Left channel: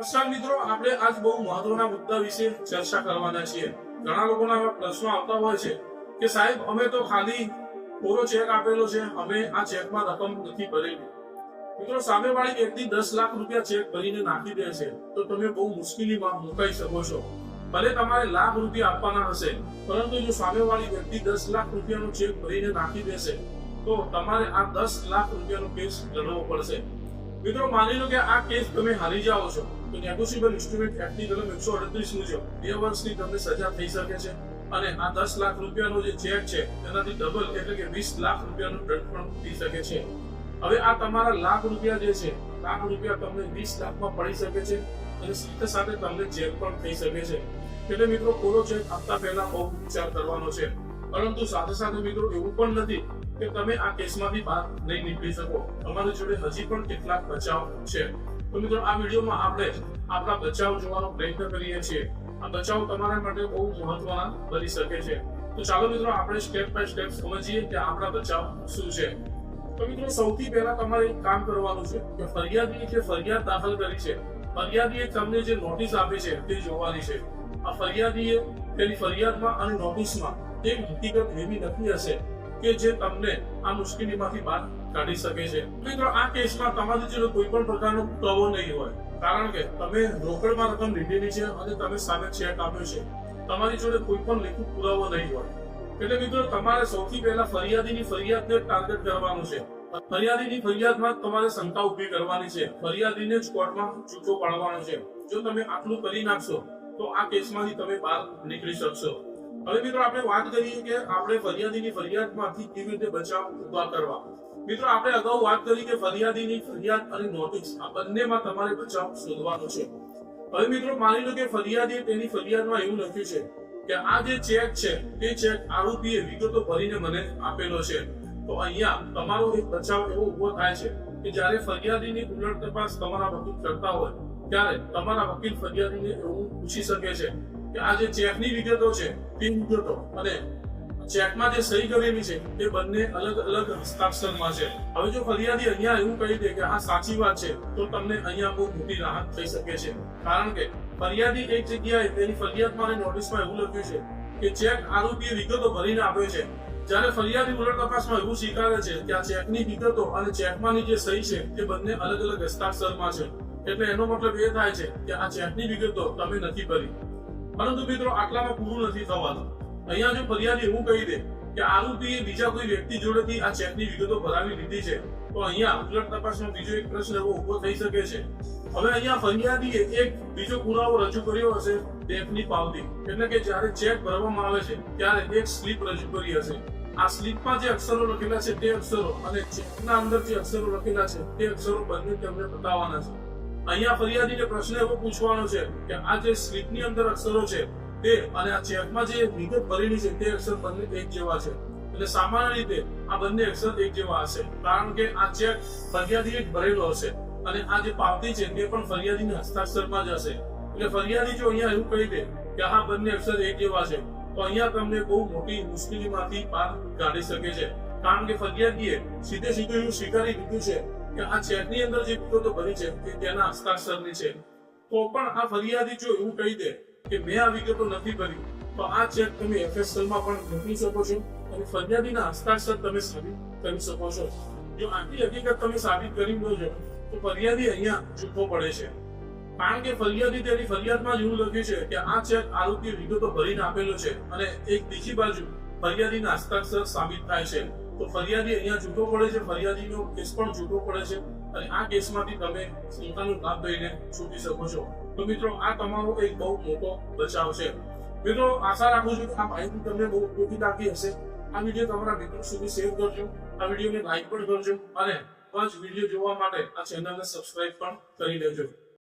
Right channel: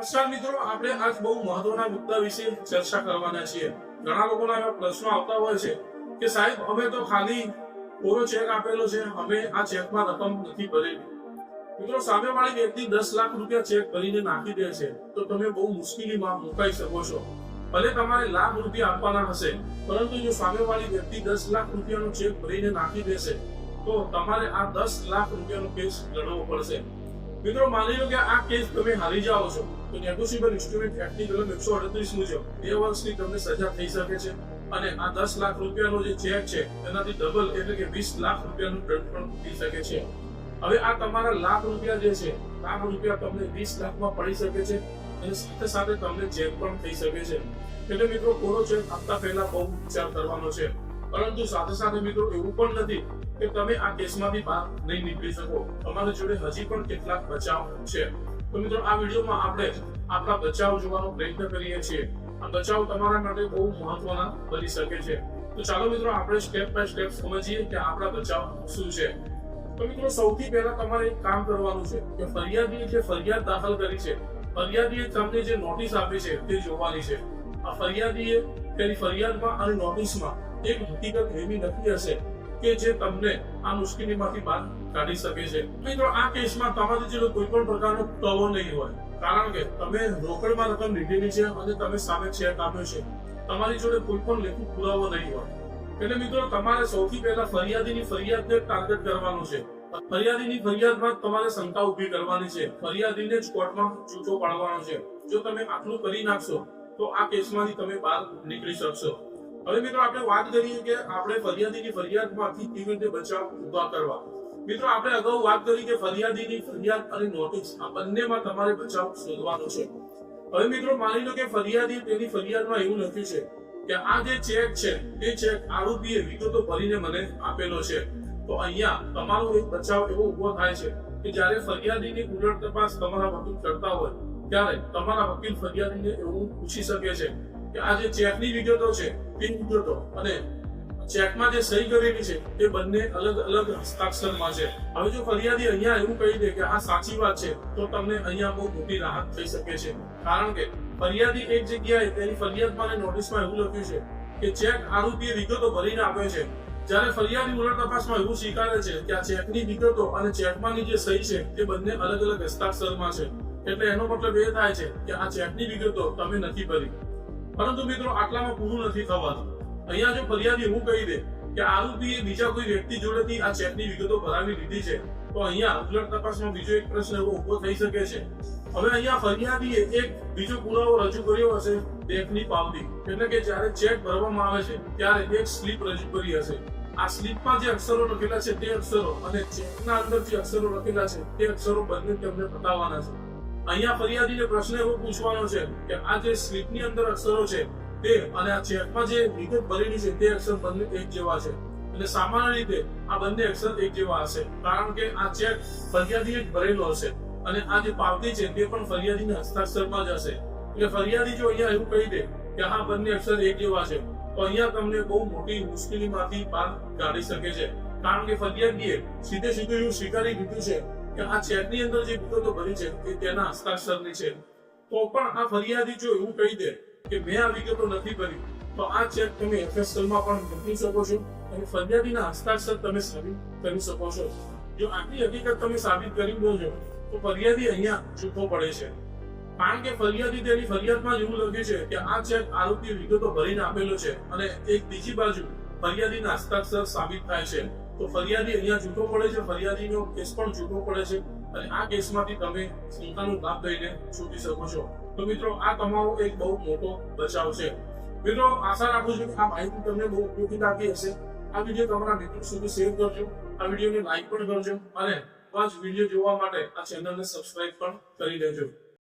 નમસ્કાર મિત્રો, આપણે આજ બહુ મહત્વના મુદ્દા વિશે ચર્ચા કરવાના છીએ। ઘણા લોકોના એવા પ્રશ્નો આવતા હોય છે કે સાહેબ અમે તો ખાલી કોરો ચેક આપેલો છે, અમે આ ચેકમાં રકમ નથી ભરેલી। મિત્રો, સામેવાળી વ્યક્તિ 10 લાખ રૂપિયા ચેક ભરીને નાખી દે છે તો તમે બહુ મુશ્કેલીમાં મુકાઈ શકો છો। ભલે તમારે લાખ રૂપિયા આપવાના હશે, પરંતુ જો સામેવાળી વ્યક્તિ 10 લાખ રૂપિયાનો ચેક ભરીને નાખી દેશે તો તમારે આ 10 લાખ રૂપિયાનો કેસ લડવો પડશે। મિત્રો, માની લો કે આ કેસ તમે હારી જાઓ છો તો નેગોશિયેબલ ઇન્સ્ટ્રુમેન્ટ એક્ટની કલમ 138 મુજબ 2 વર્ષની તમને સજા થઈ શકે છે અને આ 10 લાખ રૂપિયાનો જે ચેક છે તેનાથી ડબલ એટલે કે 20 લાખ રૂપિયાનો દંડ પણ થઈ શકે છે। હવે આ તમારા લાખ રૂપિયા જે છે, લાખ રૂપિયા તમને 20 લાખમાં પડી શકે છે અને સાથે સાથે તમને જેલ પણ થઈ શકે છે। એટલે મિત્રો, કોરો ચેક આપતા પહેલા બહુ વિચાર કરવાનો છે, પરંતુ સાથે સાથે મિત્રો એવું પણ નથી કે તમે આ કેસમાંથી બહાર નહીં નીકળી શકો। તમારી જોડે હજી પણ કેટલાક બચાવ છે। તો મિત્રો, આ વિડીયોમાં આપણે આપણા બચાવ જોવાનો પ્રયત્ન કરીએ છીએ। આ બચાવ તમારા માટે બહુ મહત્વના બની શકે છે। તો ચાલો મિત્રો, આપણે સ્ટેપ બાય સ્ટેપ સમજીએ કે આપણા બચાવ શું છે। તો મિત્રો, સૌથી પહેલા તમારે એક કામ કરવાનું છે કે ફરિયાદીએ જે ફરિયાદ દાખલ કરી છે, ફરિયાદીએ તમને જે નોટિસ આપી છે તે જોવાની છે। આ ફરિયાદીએ તેની ફરિયાદમાં અને નોટિસમાં એક હકીકત એવી લખી હશે કે જે તમને આ મુશ્કેલીમાંથી બહાર કાઢી શકે છે। મિત્રો, આ કેસમાં તમારી જોડે કોઈ પણ પ્રકારનો પુરાવો નહીં હોય, કારણ કે તમે રોકડમાં રકમ લીધેલી છે અને તમે સામે ચેક આપ્યો છે। તમારી જોડે કોઈ પણ લેખિત પુરાવો નહીં હોય। એટલે મિત્રો, તમારે સૌથી પહેલા ફરિયાદીની ફરિયાદને ટાર્ગેટ કરવાનું છે। ફરિયાદીની ફરિયાદમાં તમારે શંકા ઊભી કરવાની છે, ફરિયાદીને જ કોર્ટમાં જૂઠો પાડવાનો છે। જો તમે આટલું કરી નાખશો તો આ કેસમાંથી તમે બહાર નીકળી શકશો। હવે મિત્રો, આપણે વાત કરીએ કે આપણે ફરિયાદીની ફરિયાદમાંથી કેવી રીતે બચાવ ઉભા કરવા। મિત્રો, આપણે અગાઉ વાત કરી કે ફરિયાદીની ફરિયાદ અને નોટિસ આ બંનેમાં તમારે બચાવ શોધવાનો છે। હવે મિત્રો, માની લો કે ફરિયાદીએ તેની ફરિયાદમાં એવું લખ્યું છે કે આ જે ચેક છે તે ચેક આરોપીએ વિગતો ભરીને મને આપેલો છે। તો અહીંયા તમારો એક બચાવ એવો ઉભો થાય છે કે જ્યારે ફરિયાદીની ઉલટ તપાસ તમારા વકીલ કરતા હોય ત્યારે તમારા વકીલ ફરિયાદીને એવું પૂછી શકે છે કે આ જે ચેકની વિગતો છે તે વિગતો અને ચેકમાં જે સહી કરેલી છે તે બંને અલગ અલગ હસ્તાક્ષરમાં છે। હવે જો ફરિયાદી અહીંયા એવું કહી દે કે આ સાચી વાત છે તો તમને અહીંયા બહુ મોટી રાહત થઈ શકે છે, કારણ કે ફરિયાદી એક જગ્યાએ તેની ફરિયાદમાં અને નોટિસમાં એવું લખ્યું છે કે ચેક આરોપીએ વિગતો ભરીને આપ્યો છે, જ્યારે ફરિયાદી ઉલટ તપાસમાં એવું સ્વીકારે છે કે આ ચેકની વિગતો અને ચેકમાંની જે સહી છે તે બંને અલગ અલગ હસ્તાક્ષરમાં છે। એટલે એનો મતલબ એ થાય છે કે આ ચેકની વિગતો તમે નથી ભરી। પરંતુ મિત્રો, આટલામાં પૂરું નથી થવાનું। અહીંયા જો ફરિયાદી એવું કહી દે કે આરોપીએ બીજા કોઈ વ્યક્તિ જોડેથી આ ચેકની વિગતો ભરાવી લીધી છે તો અહીંયા ઉલટ તપાસમાં બીજો એક પ્રશ્ન એવો ઉભો થઈ શકે છે। હવે અહીંયા ફરિયાદીએ એક બીજો પુરાવો રજૂ કર્યો હશે, બેંકની પાવતી, એટલે કે જ્યારે ચેક ભરવામાં આવે છે ત્યારે એક સ્લીપ રજૂ કરી હશે। આ સ્લીપમાં જે અક્ષરો લખેલા છે તે અક્ષરો અને ચેકના અંદર જે અક્ષરો લખેલા છે તે અક્ષરો બંને તેમને બતાવવાના છે। અહીંયા ફરિયાદીને પ્રશ્ન એવો પૂછવાનો છે કે આ જે સ્લીપની અંદર અક્ષરો છે તે અને આ ચેકમાં જે વિગત ભરેલી છે તે અક્ષર બંને એક જેવા છે। એટલે સામાન્ય રીતે આ બંને અક્ષર એક જેવા હશે, કારણ કે આ ચેક ફરિયાદીએ ભરેલો હશે અને આ જે પાવતી છે તે પણ ફરિયાદીના હસ્તાક્ષરમાં જ હશે। એટલે ફરિયાદી જો અહીંયા એવું કહી દે કે આ બંને અક્ષર એક જેવા છે તો અહીંયા તમને બહુ મોટી મુશ્કેલીમાંથી બહાર કાઢી શકે છે, કારણ કે ફરિયાદીએ સીધે સીધું એવું સ્વીકારી લીધું છે કે આ ચેકની અંદર જે વિગતો ભરી છે તે તેના હસ્તાક્ષરની છે। તો પણ આ ફરિયાદી જો એવું કહી દે કે મેં આ વિગતો નથી ભરી તો આ ચેક તમે એફએસએલમાં પણ મોકલી શકો છો અને ફરિયાદીના હસ્તાક્ષર તમે સાબિત કરી શકો છો। જો આટલી હકીકત તમે સાબિત કરી દો છો તો ફરિયાદી અહીંયા જૂઠો પડે છે, કારણ કે ફરિયાદી તેની ફરિયાદમાં જ એવું લખ્યું છે કે આ ચેક આરોપી વિગતો ભરીને આપેલો છે અને એક બીજી બાજુ ફરિયાદીના હસ્તાક્ષર સાબિત થાય છે। તો ફરિયાદી અહીંયા જૂઠો પડે છે, ફરિયાદીનો કેસ પણ જૂઠો પડે છે અને આ કેસમાંથી તમે શંકાનો લાભ લઈને છૂટી શકો છો। તો મિત્રો, આ તમારો એક બહુ મોટો બચાવ છે। મિત્રો, આશા રાખું છું કે આ માહિતી તમને બહુ ઉપયોગી લાગી હશે। આ વિડીયો તમારા મિત્રો સુધી શેર કરજો, આ વિડીયોને લાઈક પણ કરજો અને આવા જ વિડીયો જોવા માટે આ ચેનલને સબસ્ક્રાઇબ પણ કરી લેજો।